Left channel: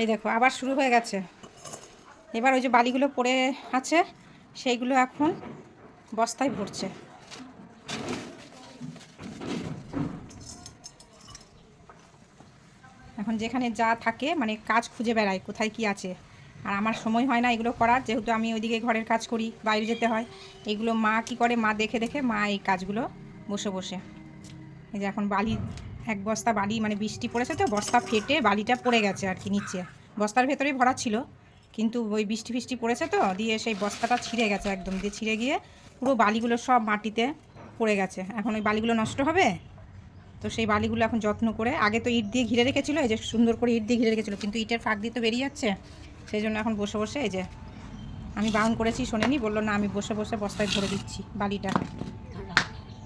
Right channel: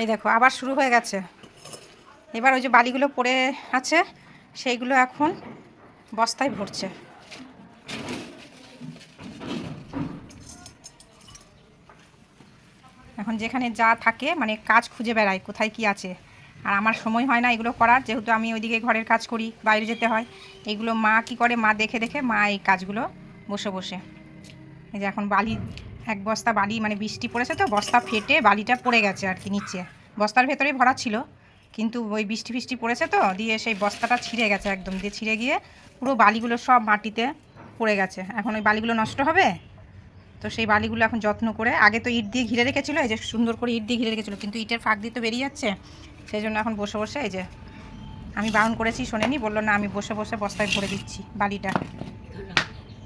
এই দেখো আবার শুরু হয়ে গেছে। এবার ওই যে বালিগুলো পড়ে আছে সেইগুলো এখন বস্তায় ভরছে। এখন যেখানে যা থাকে মানে কাজ খুঁজে বেড়ায় কোথায় কি আছে। আর আমার সময় হয় না এগুলো করার, যেহেতু আমি ওইদিকে ঘরের কাজ করি, বাইরে যেতে হয়। এগুলো মা কি করে, মা দেখে দেখে মা এই কাজগুলো বসে বসে। এই যে এখন বালি, এক বস্তা বালি, মানে বৃষ্টি পড়েছে তো বস্তা ফেটে বালিটা পড়ে গেছে আর কি নিচে। বস্তার ভেতরেই ভরা ছিল, কিন্তু ওই বৃষ্টি ফিষ্টি পড়েছে তো দিয়ে সেই বস্তাটা ছিঁড়ে গেছে একদম, দিয়ে ছিঁড়ে গিয়ে পুরো বালিগুলো সব মাটিতে পড়ে গেছে। এখন ওই বালিগুলো নষ্ট হবে, তো সেই বালিগুলো এখন যত্ন করে, আগে তো ইট দিয়ে ঘিরে রেখেছিলো, এই যে সুন্দর করে ইট দিয়ে ঘিরে রেখেছিলো, কিন্তু ইটের ফাঁক দিয়ে তো বেরিয়ে যাচ্ছে। সেই জন্য এখন বসে বসে, এই যে আমি বারণ করেছি শোনেনি, বললো না আমি বসে বসে বস্তায় ভরে দিচ্ছি বালিটা।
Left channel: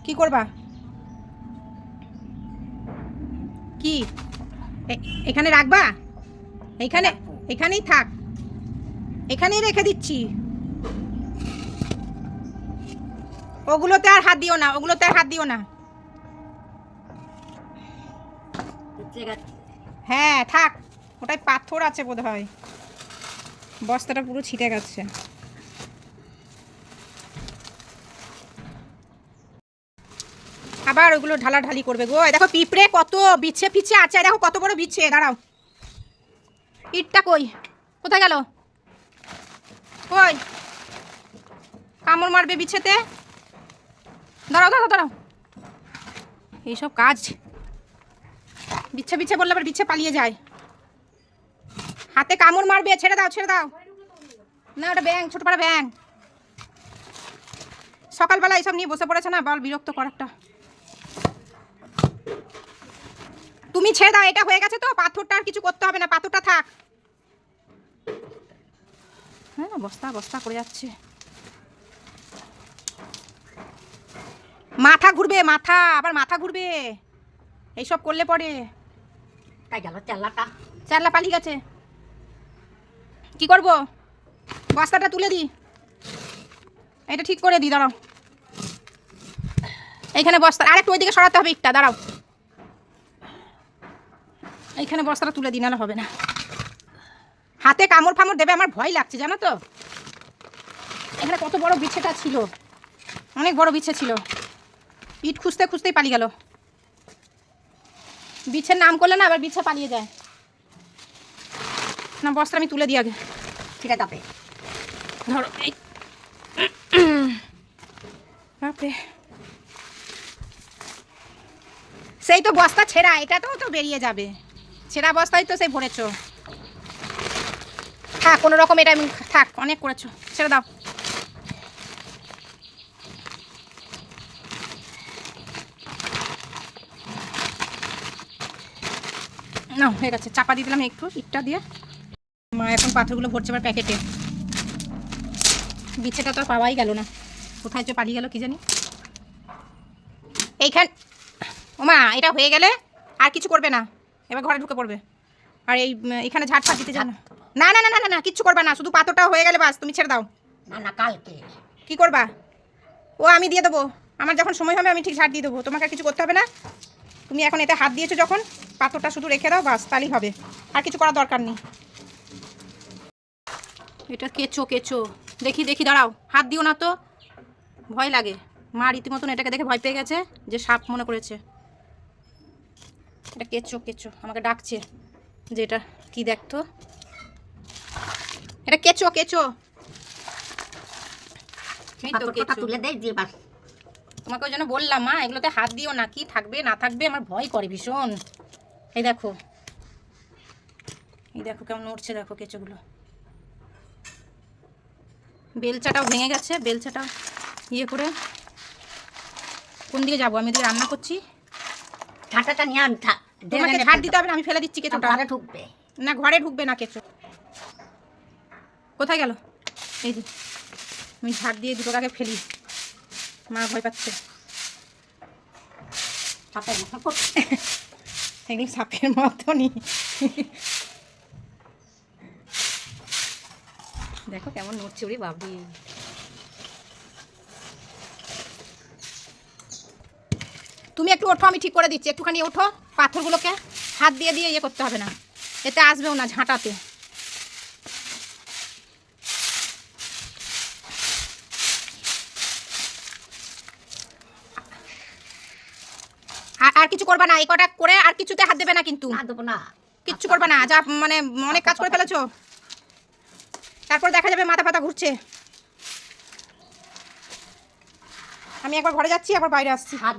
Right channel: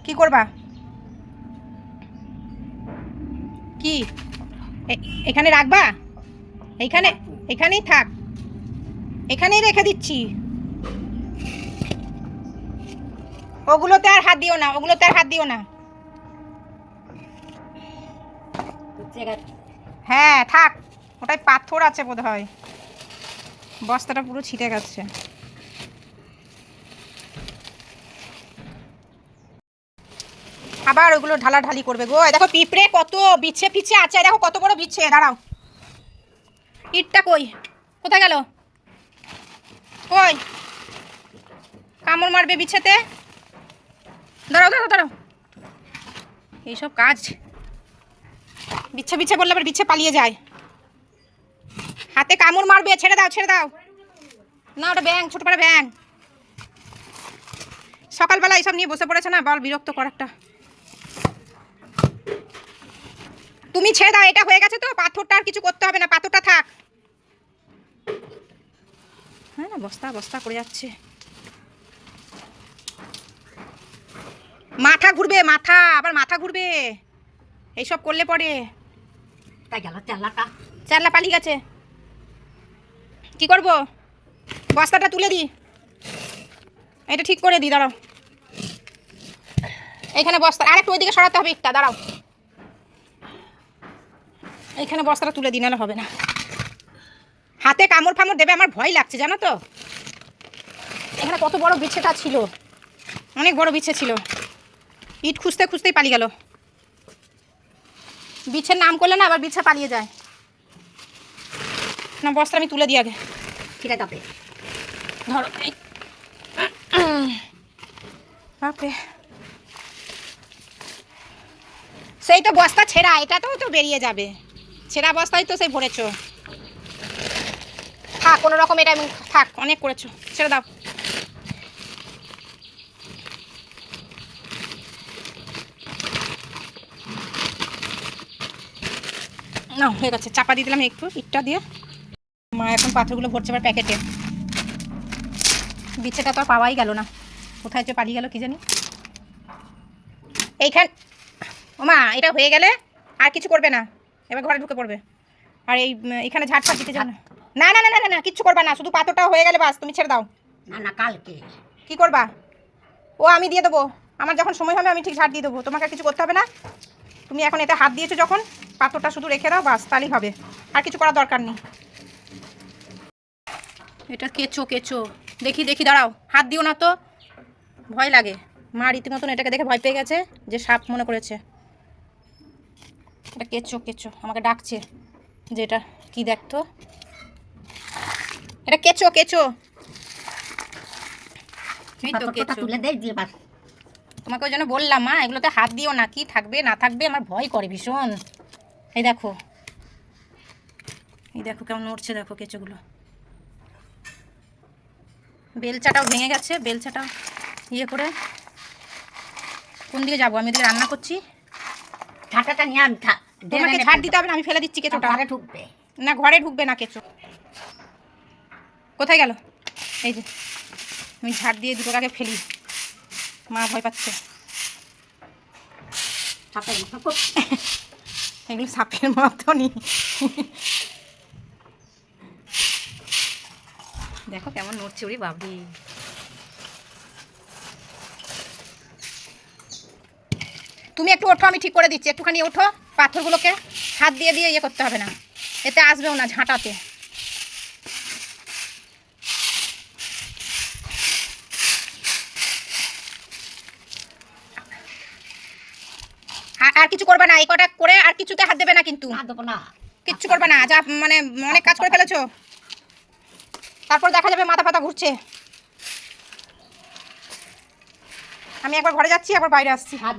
কি করবা? কি এখানে রাখবা? এইখানে, এখানেই থাক, এখানেই রেখে দিচ্ছি। ওগুলোতে আর হাত দিও না, ওগুলোতে আর হাত দিও না। হ্যাঁ থাক, ওটাই পাথর আছে বোধ হয়, বস্তাটা পুরো ছিটে গেছে। আবার ওগুলো ঢালাঢালি করবে গো। দেখো পিঁপড়ে কত বিচ্ছে পিছে আছে, দেখো কত বড় বিচ্ছে। দাঁড়াও, ইটটা কই, কোথায় গেল? কই, কামড় মারবে বিছেতে। দাঁড়াও দাঁড়াও দাঁড়াও, এইসব কাজ, বিচ্ছে বিচ্ছে বললে আবার বিচ্ছে পালিয়ে যায়। হাতে কামড় মারবে, ছেড়ে দাও ছেড়ে দাও। না ওটা ব্যাং, ছোট পাড়া ব্যাং। সকালবেলা এইসব নিয়ে বসে পড়েছে না, বল বিরক্ত কর একটা। তুমি ছেড়ে দাও, এটা হয়ে গেছে তো, পাথরটা আর কিছু করতে হবে না, পাথরটা থাক। হ্যাঁ না, বস্তা বস্তা করে যাচ্ছে। মাথা ঘুরবে, মাথা, আবার মাথা ঘুরবে এইসব করলে পরে। তাই গেল চাল্লাটা, চাল্লা পালিয়ে গেছে। কি করব, বস্তাটা তুলে দিই, এটা ঠিক করে দিই, দাঁড়াও। এইখানে বস্তা, আরেকটু ওইদিকে সরাতে হবে একটা, দাঁড়াও। এইখানে বস্তাটা তুলে দিই, নাহলে হবে না। হাতে কামড় ফামড় দেবে, আমার ভয় লাগছে জানো তো। এখানে কত বড় বিছেটা ছিল, অনেক বড় বিছে ছিল। ইট খুঁজতে খুঁজতেই পালিয়ে গেল। বিছের নাম করলে না আবার বিছে পালিয়ে যায়। না বস্তা আমি তুলে দিই আগে, ঠিক আছে আপনি ধরো। ওকে, সেই তো বস্তা ছেঁড়া, এটা তো বেরিয়ে যাবে। ছেঁড়া বস্তায় তো সেই ভরেছো। থাক কোনো রকম, এটা থাক, অনেক করেছো, ছেড়ে দাও। না হয়ে গেছে, চাপা দিয়ে দিলাম একটু ইটটা দিয়ে। মা এখন পাথরগুলো ভরছে আবার প্যাকেটে। বিছেটা তো আর পাওয়াই গেল না, কোথায় যে পালিয়ে গেল কি জানি। এইখান, ও মা এটা হয়ে গেলে আর কিছু করবে না, এবার ঘরে ঢুকে পড়বে। আর এইখানে ঝাড় ফাট দিতে যাও না। না না না না না, কিচ্ছু করবা না, শুধু পাথরটা হয়ে গেলে বাস, তুমি ছেড়ে দাও। না না কালকে কি করবা? ও আমি দিয়ে দেবো, আমার যখন সময় হবে আমি ঠিক ঝাড় দিয়ে দেবো, তোমাকে কিছু করতে হবে না। তুমি এখন এতে হাত দিয়েছো যখন, পাথরটা শুধু রেখে দাও বাস, তাহলেই হবে, আর কিছু করার দরকার নেই। এটা কেঁচো কেঁচো, দেখি দেখি, দাঁড়াও, হাত দিও না তো, ভয় লাগে। মা রীতিমতন এটাকে দেখে ভয় পেয়ে গেছে, যে সাপ মনে করেছে। এটা কেঁচো কেঁচো, আমাকে ডাকছে যে এটা কি দেখতো, এটা কেঁচো কেঁচো। তুলে দেয় দিয়ে বাস। তোমাকে ওই জন্য বললাম মা এগুলোতে হাত দিও না, কি থাকবে না থাকবে আমার ভয় করে ভীষণ। এই দেখো, এই দেখো কেমন নড়ছে, দেখো কেঁচোগুলো। বেলচাটাও ভেঙে গেছে, বেলচাটাও ইয়ে করে। কোন দিকে যাবো, আমি এদিকে রান্না করছি। ঝাঁটাটা নিয়ে আমি তোমাকে ঝাড় দিতে হবে না, আমি ফেলে দিচ্ছি কেঁচোটা। ঘরে ঢুকবে না, ঘরে ঢুকবে না কেঁচো। কোথায় গেল? এই যে আমি ঝাড় দিয়ে দুটো আগে ফেলি, মা ভয় পাচ্ছে। সাপের মতো এগুলো সাপের মতনই। দেখো কেমন নড়ছে, ওরে বাবরি। তুমি একটু ওঠো, আমি ঠিক করে দিচ্ছি, একটুখানি ওঠো, পাথরগুলোকে হাত দিয়ে দিয়ে ইয়ে করতে হবে না। এতে আসবেও না, ঝাঁটাতে। আর কিছু করবে না, এই কটা করে আর কিছুতে হাত দেবে না কিন্তু, না দেবো না। কিচ্ছু করবে না, যা মানে অনেক কাজ করে ফেলেছো। তারপর দেখা যাবে মাথা ফাতা ঘুরছে। আমি একবার ঘরে যাচ্ছি, আবার বাইরে আসছি। হাত